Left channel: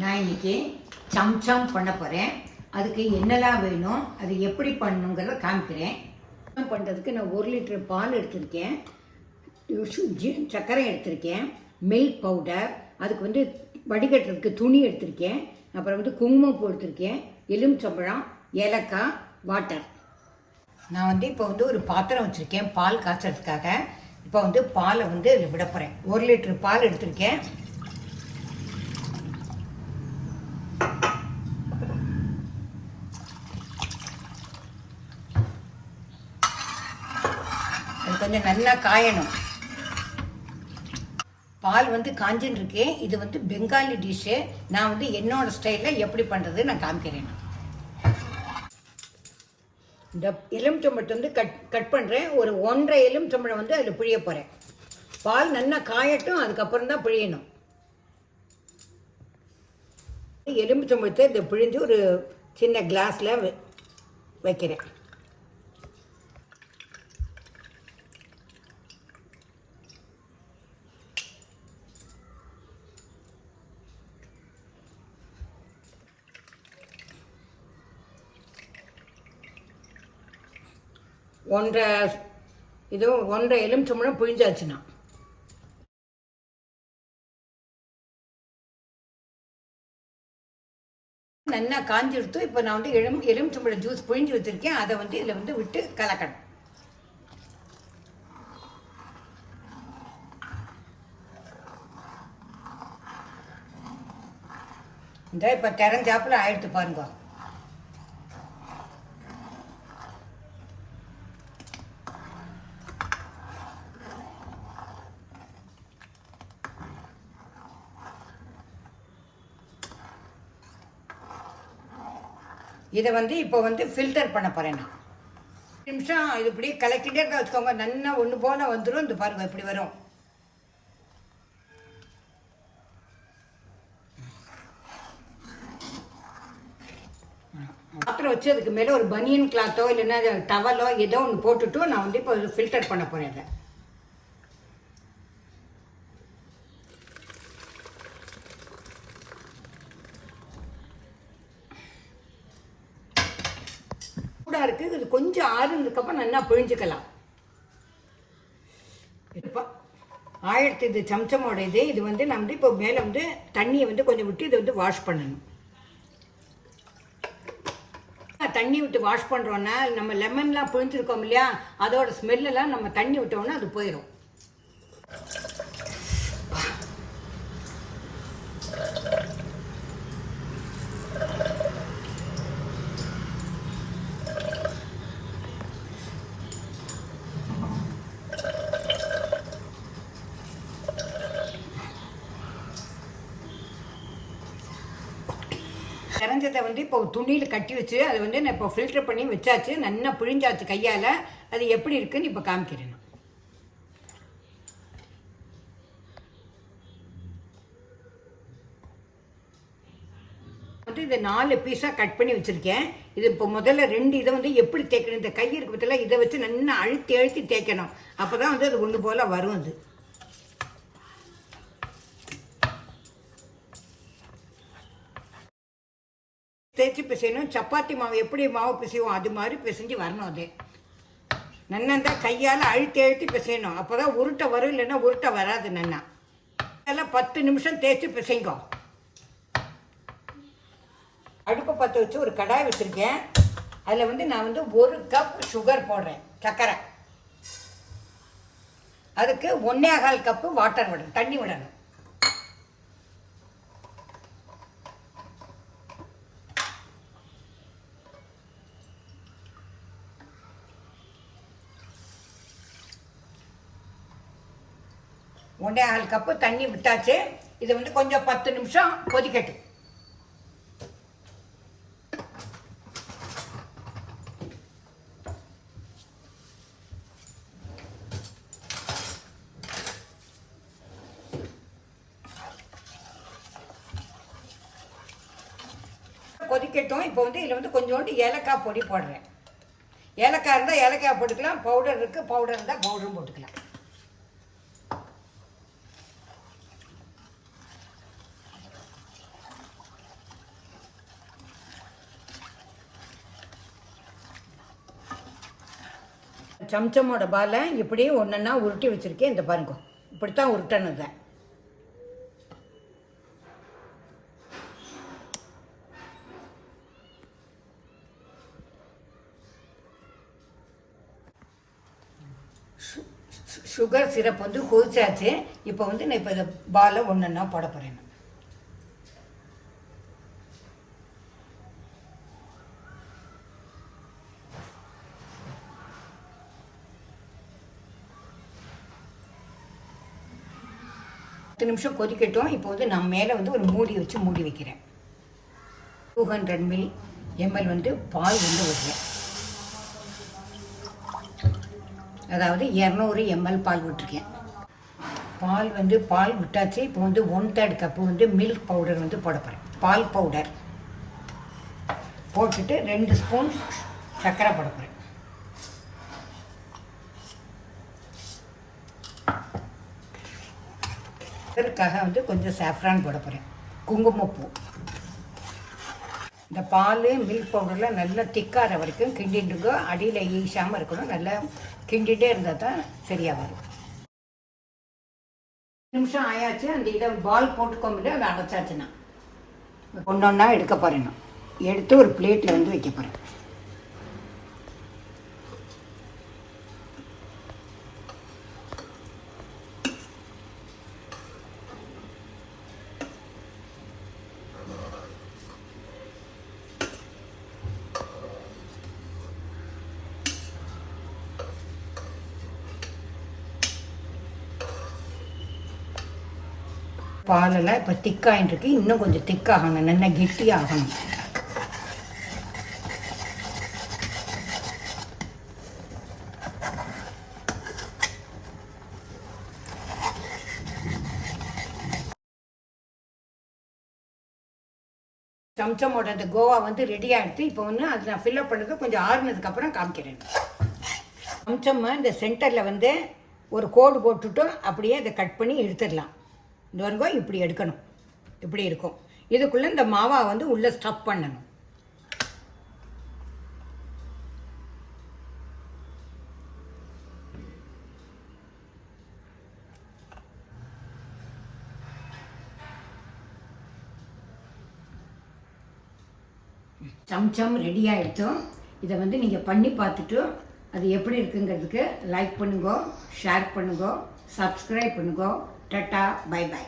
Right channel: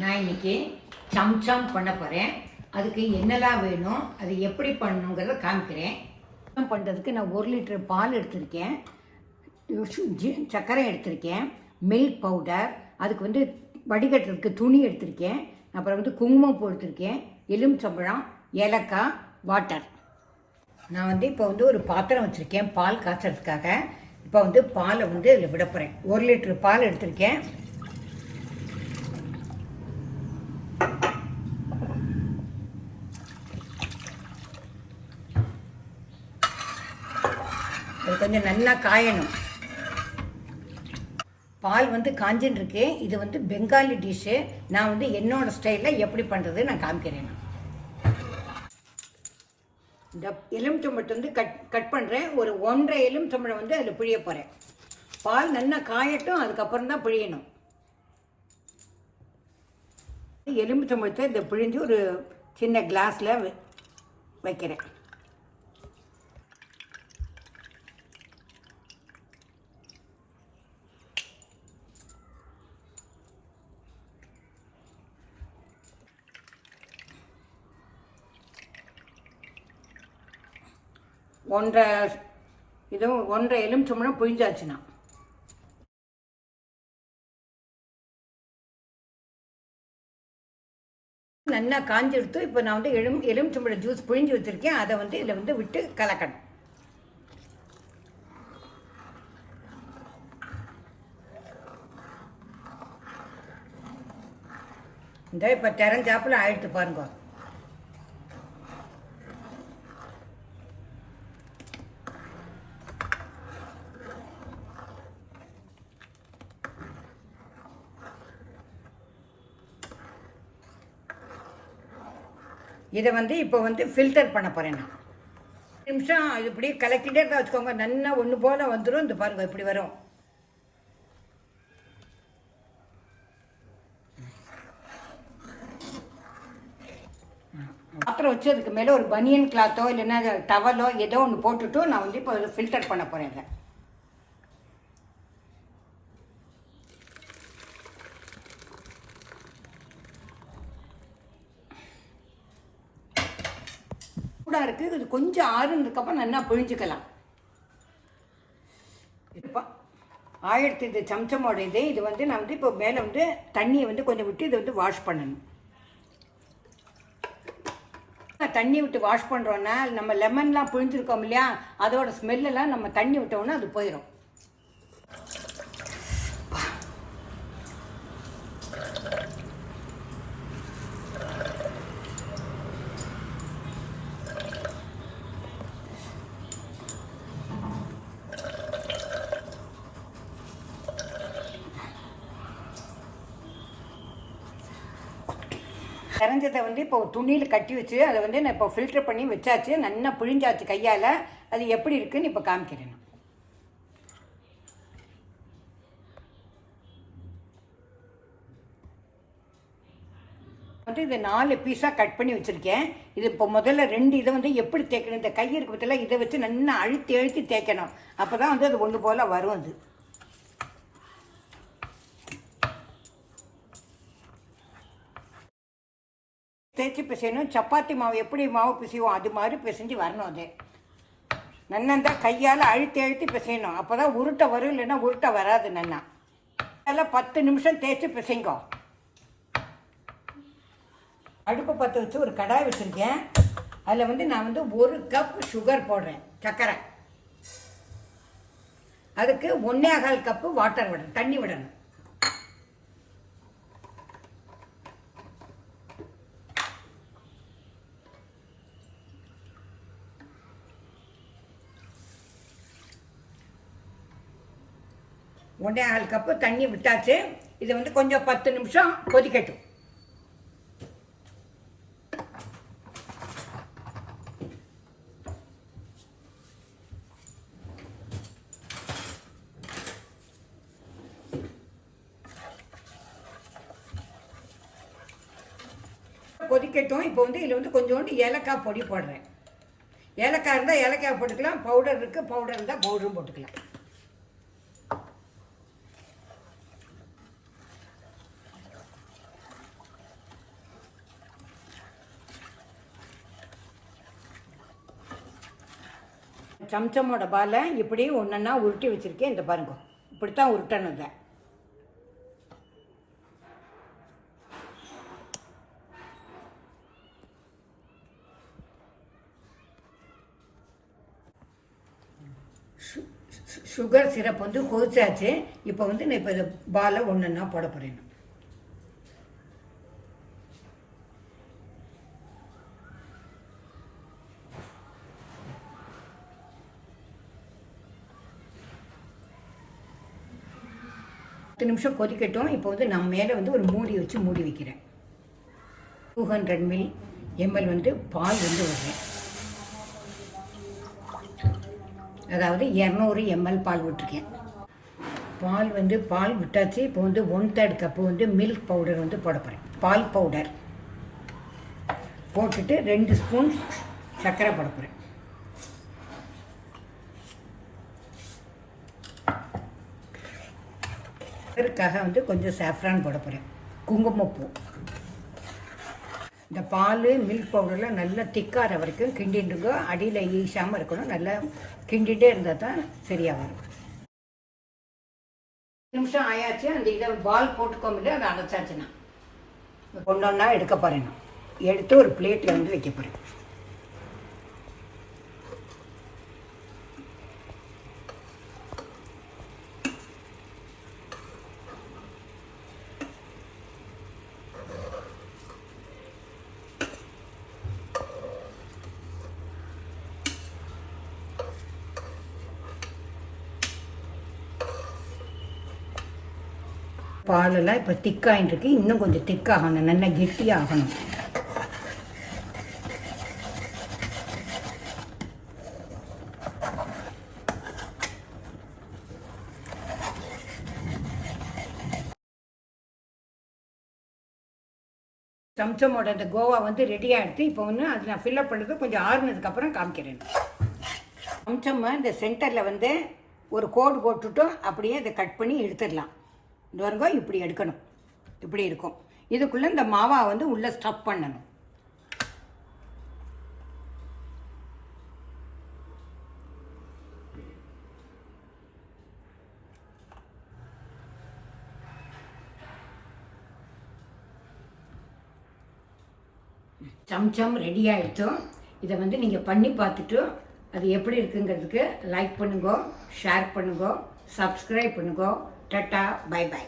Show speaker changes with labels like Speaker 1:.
Speaker 1: நான் இன்னைக்கு சம்சம் பண்ண போகிறேன் அதுக்கு என்னெல்லாம் வேணும் அது எப்படி பண்ணணுங்கிறத காமிக்கிறேன். பண்ணுறதுக்கு நான் ஒரு லிட்டர் பால் எடுத்திருக்கேன். சர்க்கரை எடுத்திருக்கேன். மில்க் பவுடர் அதுக்கு வந்து வடிகட்டுறதுக்கு துணி எடுத்திருக்கேன். அப்புறம் வந்து குங்குமப்பூ எடுத்திருக்கேன். எலுமிச்சம்பழம் ஏலக்காய் வாட்டர் நான் வந்து இப்போ வந்து ஒரு பாத்திரம் வச்சுருக்கேன் பால் காய்ச்சறதுக்காக. இப்போ வந்து பாலை வந்து இதில் விட போகிறேன் ஒரு லிட்டர் பால் எடுத்திருக்கேன். கொஞ்சம் நல்லா காயணும். பால் வந்து காஞ்சின்னு இருக்கு இது வந்து பெங்காலி டிஷ்ஷு நான் வந்து என்னோட ஸ்டைலில் எப்படி பண்ணுறது நான் காமிக்கிறேன். இந்த எலுமிச்சம்பழத்தை வந்து கட் கட் பண்ணுறேன் ஒரு ஒன்றரை எலுமிச்சம்பழம் வந்து அதில் பிழிய போகிறேன் பால் நல்லா காயட்டும் அதுக்கப்புறம் தான் பிழியணும். எலுமிச்சம்பழத்தை இந்த பிழிஞ்சு ஒரு சின்ன கிளாஸில் வைக்கிறேன். ஒன்றரை ஒன்றை ஒன்றரை எலுமிச்சம்பழம் பிழிஞ்சாச்சுன்னா நல்லா காஞ்சி எடுத்து இப்போ நான் வந்து எலும் எலுமிச்சம்பழம் ஜூஸ் புழிஞ்சு வச்சுருக்கேன். அதை வந்து இதில் வந்து விட்டு கலக்கணும். இந்த இப்போ திறஞ்சாப்பில் ஆயிடுத்து பாருங்க. இதை வந்து இப்போ வந்து ஃபில்டர் பண்ண போகிறேன் நான். நிமிஷம் இது இப்படி கலக்கிட்டே இருக்க வச்சுக்கோங்க. நல்லா ஒன்று போல வந்துடும் இந்த பாருங்க இப்படி வரும். பாத்திரம் வச்சு அதுக்கு மேலே ஒரு பனியன் கிளாத்தோ இல்லைன்னா டவலோ ஏதோ ஒன்று போட்டுட்டு நான் வந்து இப்போ ஃபில்டர் பண்ண போகிறேன் இதை இருக்குது இது கொஞ்சம் ஆறுனதுக்கப்புறம் நல்லா பிழிஞ்சுக்கலாம். இப்போ ஆயிரத்தி இது சம்சமோட இது இது வந்து நான் வந்து இப்போ மேலே வந்து தண்ணியை வந்து கொஞ்சம் விட்டு இதை வந்து வாஷ் பண்ணணும். தண்ணி விட்டு வாஷ் பண்ணுறோன்னா நம்ம லெமன்லாம் புழிஞ்சிருக்கோம் இல்லையா? அதோட ஸ்மெல்லெல்லாம் நம்ம தண்ணி விட்டோன்னா அது போயிடும் கரைஞ்சதை வந்து இப்போ துணியில் கட்டி வச்சு அதை வந்து நான் இப்போ ஃபில்டர் பண்ணி வச்சாச்சு. நல்லா பிழிஞ்சாச்சு கையால். அது எப்படி இருக்குன்னு இப்போ காமிக்கிறேன் வந்து இது நாலு பீஸாக கட் பண்ணி வச்சுருக்கேன். இது இப்போ முதல்ல ரெண்டு இதை வந்து எப்படி தேய்க்கணும்? இந்த கை இருக்கிறதுல இதை வச்சு நல்லா அழுத்தி அழுத்தி தேய்க்கணும். அப்போ தான் வந்து அது ஒன்று போல் வரும் அது. தேய்ச்சி பிசையணும். சப்பாத்தி மாவு எப்படி மாவு பிசைவோம் அது மாதிரி பிசைஞ்சு வரணும் அது. நன்னந்தா கையால் அழுத்தி அழுத்தி பிசையணும். அப்போ தான் உருட்டை வரும் இல்லைன்னா உருட்டை வராது நன்னா. அதில் பத்து நிமிஷம் தேய்ச்சி பிசைங்கோ. அடுப்பு பற்ற வச்சு ஒரு கடாய் வச்சுருக்கேன். அதில் வந்து நான் வந்து ஒரு கப் சுகர் போடுறேன் சர்க்கரை அதுக்கு ஒன்னே கால் கப்பு வாட்டர் விடணும் தண்ணி விடணும். ஒன்றே ஆள் கப்பு தண்ணி விட்டாச்சு. இதை வந்து கொஞ்சம் பத்து நிமிஷம் கொதிக்கட்டும். கொதிக்கட்டும். இப்போ வந்து இதில் வந்து கொஞ்சோண்டு ஏலக்காய் பொடி போடுறேன். ஏலக்காய் இருந்தால் ஏலக்காய் போட்டுக்கலாம். பவுடர் இருக்குது பவுடர் இருந்தால் பவுடரும் போட்டுக்கலாம். சம்சமோட பாலை இப்படி ஒன்றுன்னா உருட்டி வச்சுருக்கேன். இந்த பாருங்க. இப்படித்தான் உருட்டணும் சுகர் சிரப் வந்து கொதிச்சாச்சு. இப்போ வந்து நான் இப்போ இதை பாலை ஒன்றுன்னா போட போகிறேன் பத்து நிமிஷம் கொதிக்கட்டும். இப்போ வந்து நான் மேலே வந்து ஒரு மூடி வச்சு மூடி வைக்கிறேன். டூ ஹண்ட்ரட் மில் எம்எல் வந்து பால் வந்து விடுறேன் அதாவது இரநூறு எம்எல் பால் விட்டுருக்கேன் பால் வந்து பால் விட்டாச்சு. இப்போ வந்து ஒன் தேர்ட் கப்பு வந்து மில்க் பவுடர் வந்து போட போகிறேன் பால் பவுடர் போட்டுட்டு ரெண்டு ஸ்பூன் சர்க்கரை போட போகிறேன் இதற்காக வந்து கொஞ்சம் சாஃப்ரான் போட போகிறேன் குங்குமப்பூ. இந்த பால் மில்க் பவுடர்லாம் நல்லா திக்கார வரைக்கும் கிண்டிட்டுங்க அடியில் ஈசாமல் இருக்கணும். நல்லா கிண்டிகிட்டே இருந்தால் தான் சரியாக வரும். நிமிஷம் ஆயாச்சு. அந்த இதை பால் போட்டுக்கோமில்ல அதை அடைச்சாச்சுன்னா. ஒன்று ஒன்றா எடுக்க போகிறேன் எடுத்து ஒரு பிளேட்டில் வந்து வைக்க போகிறேன் பாலெல்லாம் இப்போ திக்காயின்ட்டுருக்கு இன்னும் கொஞ்சம் திக்காகணும். நல்லா கெட்டியாகணும். சம்சமோட அந்த கோவா வந்து ரெடி ஆகிடுது இப்போ வந்து அது நான் ஃபில்லப் பண்ணுறது கொஞ்சம் ஆறுனதுக்கப்புறம் காமிக்கிறேன். சம்சம் இந்த சென்டரில் வந்து ஒரு கோடு போட்டுட்டு அப்படியே அதை கட் பண்ணி எடுத்துடலாம் இந்த இப்படி எடுக்கணும். இப்படி இருக்கும். இதுக்குள்ளே இந்த மாவா வந்து உள்ளே ஸ்டஃப் பண்ணணும். சம்சம் ரெடி ஆகிடுத்தோம் இதை வந்து நீங்கள் பண்ணி பார்த்துட்டு அது எப்படி இருக்குங்கிறதுக்கு லைக் பண்ணுங்க ஷேர் பண்ணுங்க சப்ஸ்கிரைப் பண்ணுங்க. Tata bye bye.